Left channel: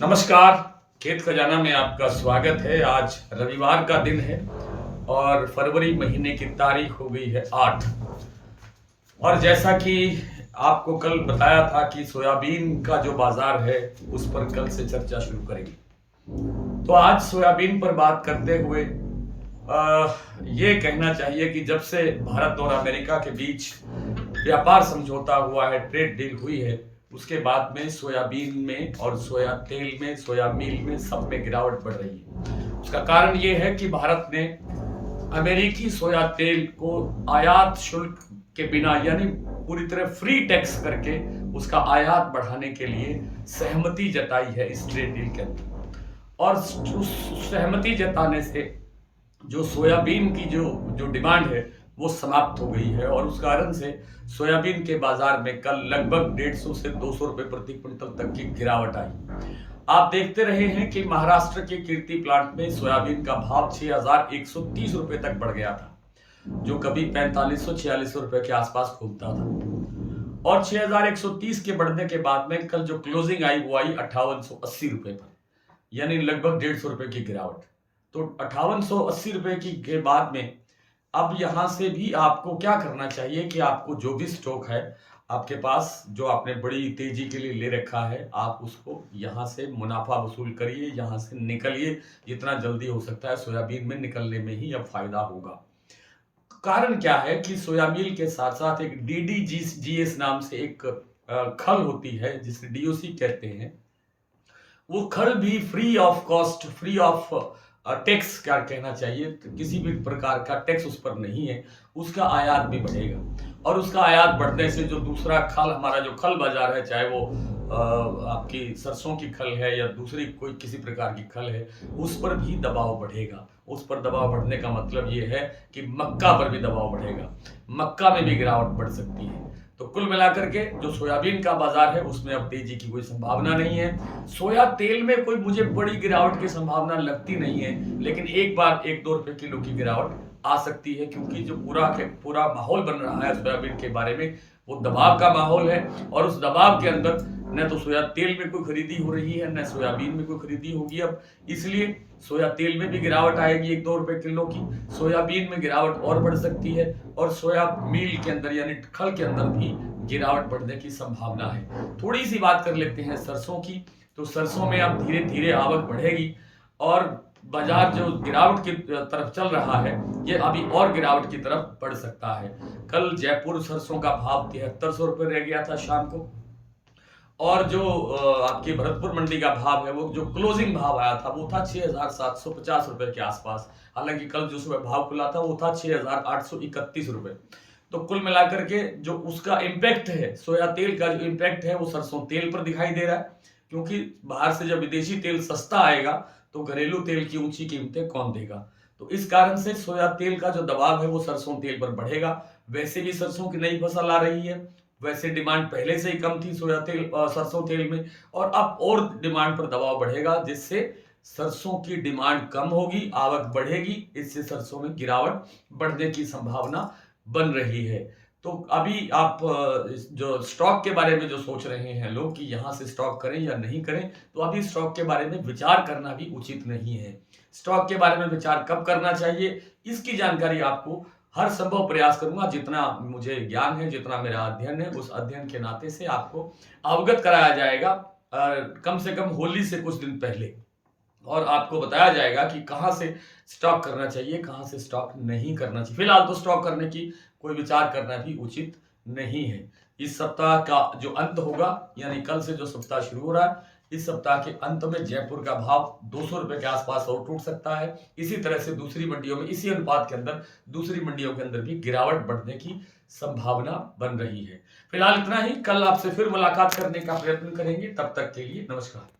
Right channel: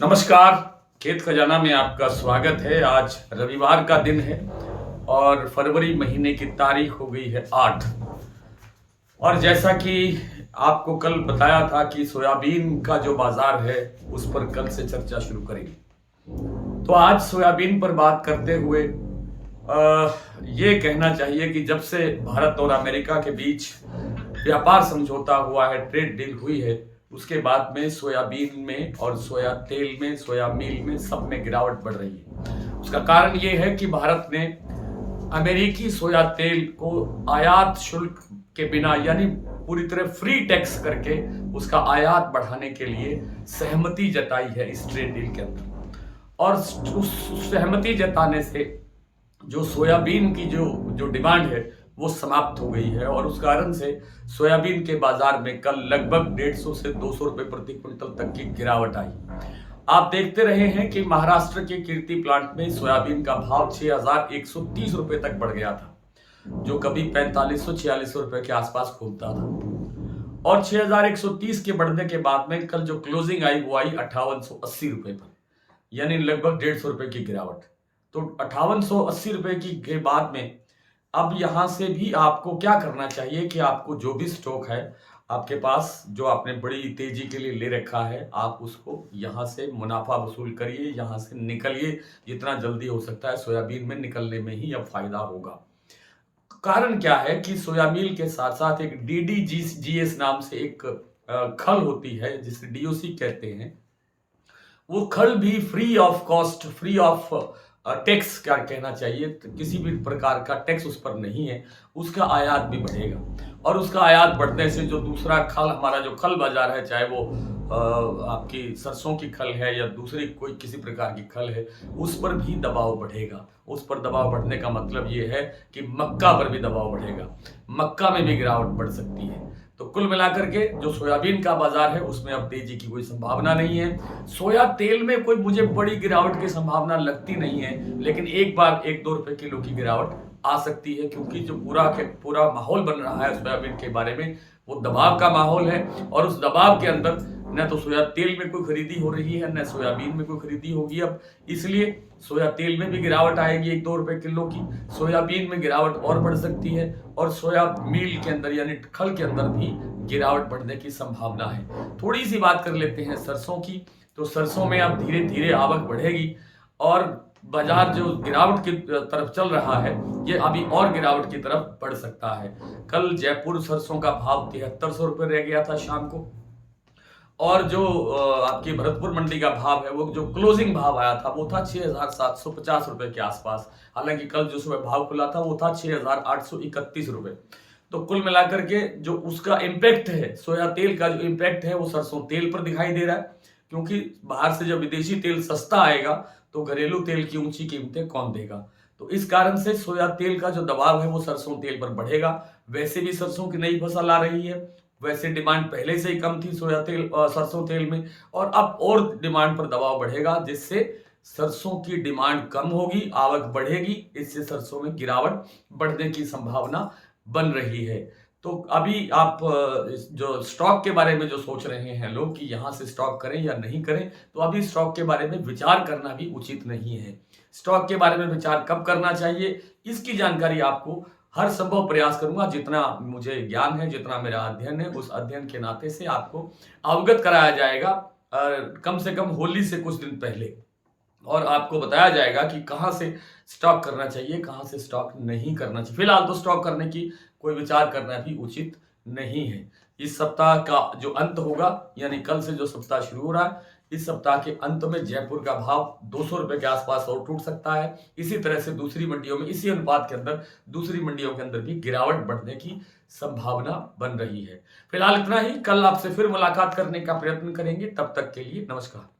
नमस्कार। खेत खजाना में आपका स्वागत है। आज रविवार का दिन है और फरवरी महीने की तारीख हो गई है 8। और जैसा कि आपको कल बताया था कि सोयाबीन का जो बाजार है उस पर कल से चर्चा शुरू करेंगे। तो आज सोयाबीन पर बात करते हुए ये कहना चाहिए कि जब से भारत और अमेरिका के बीच व्यापार समझौता हुआ है, ट्रेड डील हुई है, उसके बाद में सोयाबीन में और सोया तेल में, सोया मील में, सब में गिरावट बढ़ रही है। उसका कारण ये है कि भारत ने अमेरिकी सोया तेल को आयात शुल्क के बिना, यानी पूरी तरह फ्री टैक्स करके उसका आयात बढ़ाने के लिए सहमति जताई है इस ट्रेड डील के अंदर। और उस सहमति जताने से जो सोयाबीन की जो जो डिमांड है वो समाप्त हो गई है और उस कारण से सोयाबीन के बाजार में कल लगभग 150 से 200 रुपए प्रति क्विंटल तक की गिरावट आई। आप देखते रहे हैं कि महाराष्ट्र के कीर्ति प्लांट में सोयाबीन का भाव 6,130 रुपए तक बढ़ गया था, जो कभी 4500-4600 रुपए के आसपास घूमता था। और 6,130 के बढ़ने के बाद में कल जो क्लोजिंग आई वो आई 5880 रुपए पर, यानी लगभग 150 रुपए की गिरावट। तो 5880 रुपए की के बाद में अब यहां से भी आपको क्या करना चाहिए कि आपको जो भी स्टॉक है आपके पास, जो आपने बड़ी तेजी के लिए ले रखा है, आप उसको यहां से मुनाफा वसूल करिए, यहां से निकलिए। जितना जल्दी हो सकता है सोयाबीन में निकलने में ही अब फायदा होगा। कारण क्या है कि सोयाबीन के साथ साथ एक DDGS नाम से एक खल होती है जिसे DOC कहते हैं। वो खल भी free of cost, free of tax क्या कहना चाहिए, तो किसी भी प्रकार का टैक्स उस पर नहीं है। उसका आयात भी बढ़ेगा और उसका आयात बढ़ने से जो दूसरा खल, हमारा जो खल बाजार है, चाहे वो आपकी सरसों की खल है या दूसरी कोई किसी प्रकार की खल है, उस पर भी दबाव बढ़ेगा। उस पर दबाव बढ़ने का मतलब ये है कि मक्का पर भी दबाव बढ़ेगा, मक्का में भी गिरावट बढ़ सकती है। तो कुल मिलाकर के जो सोयाबीन का बाजार है उसमें अब तेजी की कोई संभावना नहीं है। सोया तेल में कोई मुझे बड़ी गिरावट की संभावना लगती नहीं है, लेकिन एक बार 1-2 रुपए किलो की गिरावट आ सकती है, क्योंकि जो पूरा माहौल बन रहा है सोयाबीन के बारे में वो दबाव का माहौल है। और उस दबाव के अंदर न तो सोया तेल में कोई खरीदी हो रही है, न सोयाबीन में कोई खरीदी होगी अब, इसलिए सोया तेल में भी गिरावट आएगी 1-2 रुपए किलो की। सोयाबीन में गिरावट और बढ़ सकती है और सोया मील के अंदर यानी खल के अंदर भी गिरावट बढ़ने की संभावना है। थोड़ी सी बात कर लेते हैं सरसों की। तो सरसों में अब धीरे धीरे आवक बढ़ेगी और बाजार जो गिरावट की तरफ चल रहा है ये अभी और गिरावट की तरफ बढ़ सकता है। कल जयपुर सरसों का भाव 7300 रुपये रह गया था शाम को। और जो आपकी भरतपुर मंडी का भाव है, वो जो क्लोजिंग भाव आया था वो था 6,750 रुपए के आसपास। हालांकि कल जो सुबह भाव खुला था वो था 6,831 रुपए। तो कुल मिलाकर के जो उसका इम्पैक्ट है, सोया तेल का जो इम्पैक्ट है वो सरसों तेल पर दिखाई दे रहा है, क्योंकि बाहर से जब विदेशी तेल सस्ता आएगा तो घरेलू तेल की ऊंची कीमतें कौन देगा। तो इस कारण से सोया तेल का जो दबाव है वो सरसों तेल पर बढ़ेगा। वैसे भी सरसों की नई फसल आ रही है, वैसे डिमांड पहले से ही कम थी सोया तेल सरसों तेल में, और अब और डिमांड पर दबाव बढ़ेगा, जिससे सरसों की डिमांड कम होगी, आवक बढ़ेगी, इससे सरसों में गिरावट बढ़ने की संभावना बन रही है। तो अभी आप जो स्टॉक के बारे में जो सोच रहे हैं लोग कि यहां से स्टॉक करें या नहीं करें, तो अभी स्टॉक के बारे में विचार करना भी उचित नहीं है। स्टॉक के बारे में विचार कब करना चाहिए, इसकी जानकारी आपको हर संभव प्रयास करूंगा, जितना मुझे ज्ञान है, जितना मेरा अध्ययन है, उस अध्ययन के नाते से आपको अवगत कराया जाएगा कम से कम होली से कुछ दिन पहले। और आपको बताया जाएगा कि कहां से स्टॉक करना चाहिए, कहां से स्टॉक नहीं करना चाहिए। फिलहाल तो स्टॉक करने की कोई विचार करना भी उचित नहीं है। इस सप्ताह का जो अंत होगा, यानी कल से जो सप्ताह शुरू हो रहा है, इस सप्ताह के अंत में जयपुर का भाव 200 रुपए के आसपास और टूट सकता है। इसी तरह से दूसरी मंडियों में, इसी अनुपात के अंदर दूसरी मंडियों के अंदर भी गिरावट बढ़ने की संभावना बन रही है। फिलहाल इतना ही। कल आपसे फिर मुलाकात करने का प्रयत्न करेंगे। तब तक के लिए नमस्कार।